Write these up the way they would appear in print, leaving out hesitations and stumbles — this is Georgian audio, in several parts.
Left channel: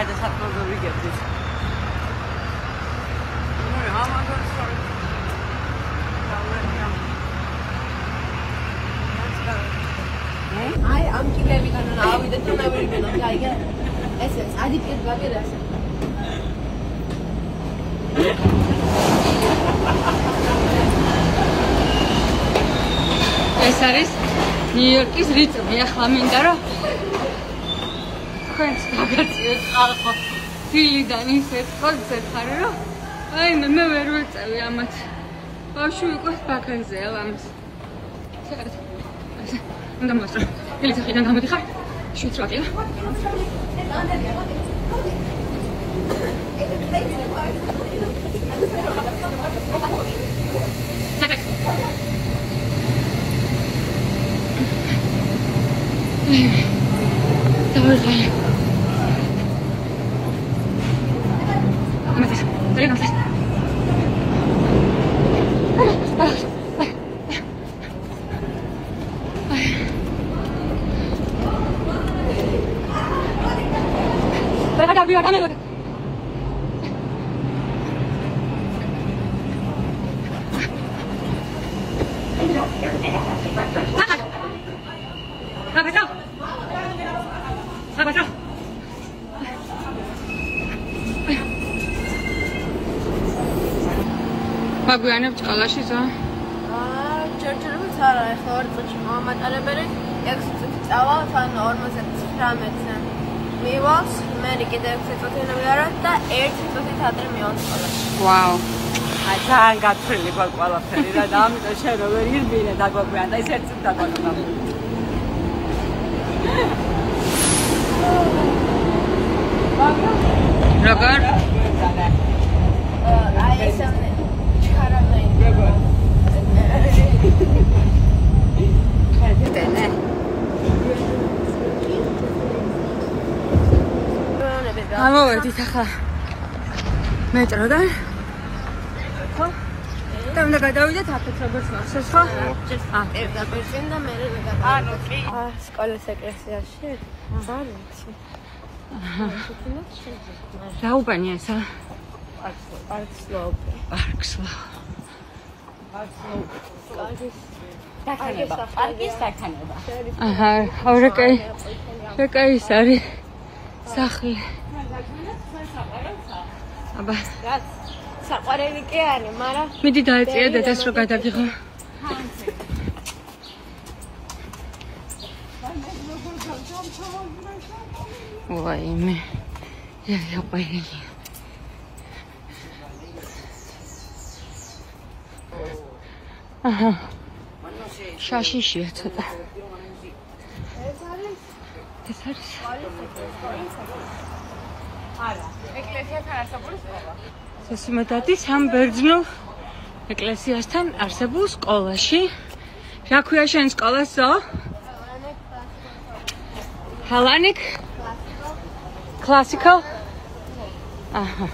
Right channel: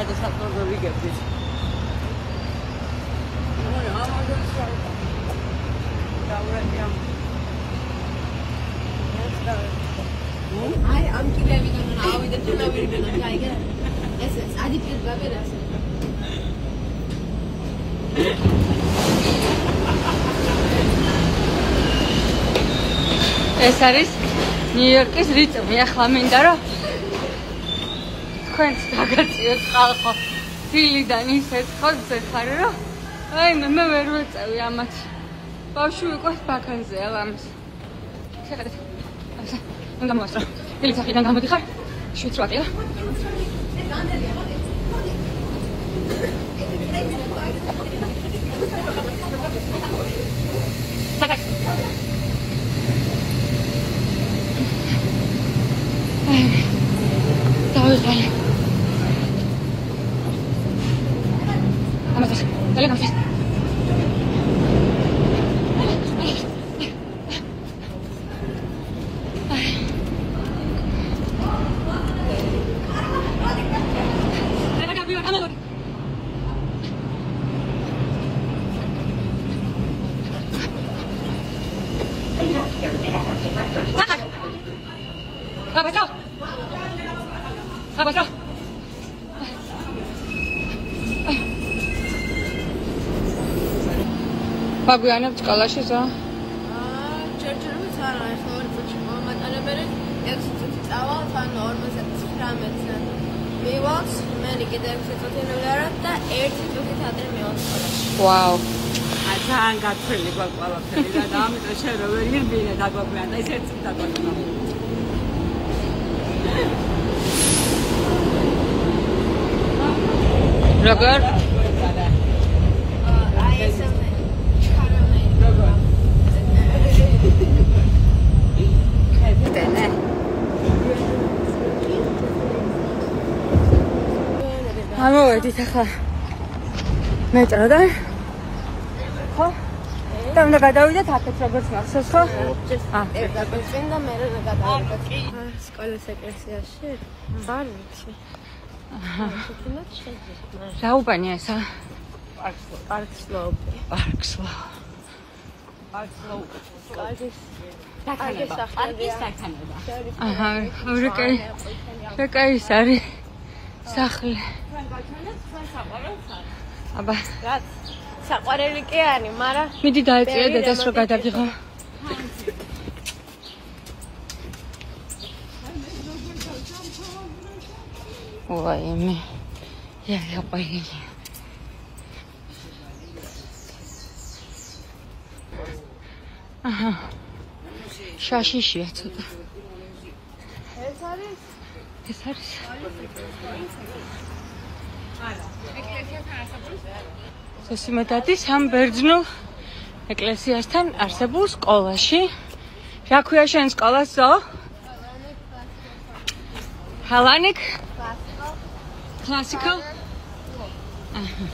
გადასაწყვეტ ვიგებდით. აი ამ კიდევიდან ავიდეთ და მევიდეთ აი ესე წადი პირველი რას ეს არის ნიუ-იორკის რიტმი. ახლა მინდა რომ ხანს გაგაციოთ ხალხო ფილიდან ისეთ ხალხთან რომ აი მე ვერ ვეწევი ამათ. ბავშვი იყო ბაქანზე ალამის. უნდა მოსა. ფილიდან გამოდიხარ. შევწვადია. Baguiană școalași za? Cercerăm țara, este ori tot ce m-am matărebere, exțeaua țara urmăse țramețe. Mivas, merike de exțeația noviara, da exțeația țadre mios. Wow. Ațan gatfrili bagualaferi, da am de șeroveri bine da Baguiană, ai cerțita Baguiană. Rogar. ამოვედით ახლა მეტროდან ხო? და უნდა გადავიდეთ აქეთ როგორც მახსოვს ხო? ერთა პერწინ და მე გადავიდეთ. სკოლის ეკლესიაში არ ვიცი. საუბანია ესა? პარკსლოპი. საქანება, პარკის საქანება. აჰა, ავრეკაი. რეკაი ის არის სახლი. აბა, რაც საყვარელი კი არის, მაგრამ მიდი დაეწიე დედას რომ გადარდიხო. ვაიმე. იაპაინი. აჰა. შაშიშია ცოტა. ეს არის არა, ეკლესიასთან არსებული სკოლა. სესიმედადის ამ ბერძნულ ეკლესიასთან არსებულ სკოლაში. რა ქვია შენ სკოლას ზო? Hellenic? Classical? აჰა.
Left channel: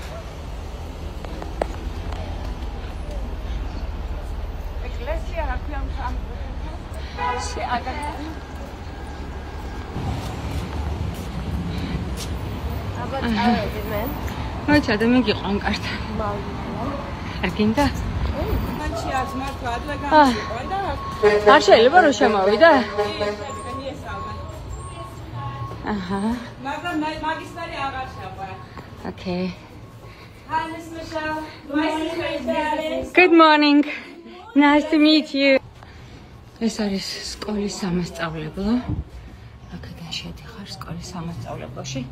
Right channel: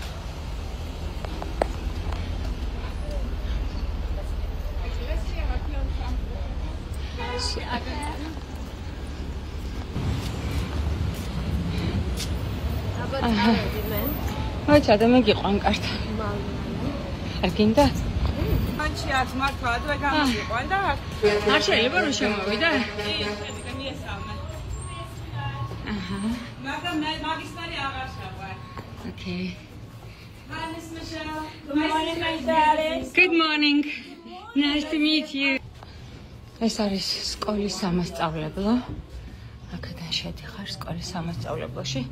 ეკლესია რა ქვია ამ ადამიანი აბა მე მოიცა ადამიანი გიყვან კართ. არ გინდა? მანჩი აქ მართლა ადრე გამიყვან და არ შეიძლება რომ შემოვიდა? აჰა. მაგრამ მაგისტარი აღარ შეყვა. Okay. Hi, Miss Michelle. Nice Good morning. Nice to meet you. ეს არის სკოლის სამასწავლებლო. აქედან შევდიხარ სკოლის სამასწავლებელში.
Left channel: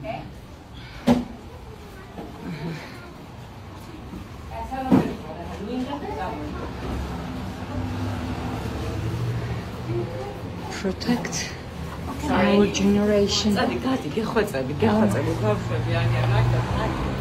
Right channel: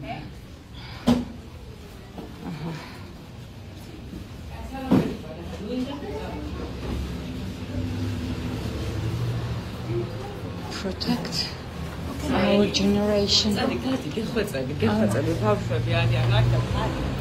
Protect our generation. გეხვეწები, ბავშვები არიან.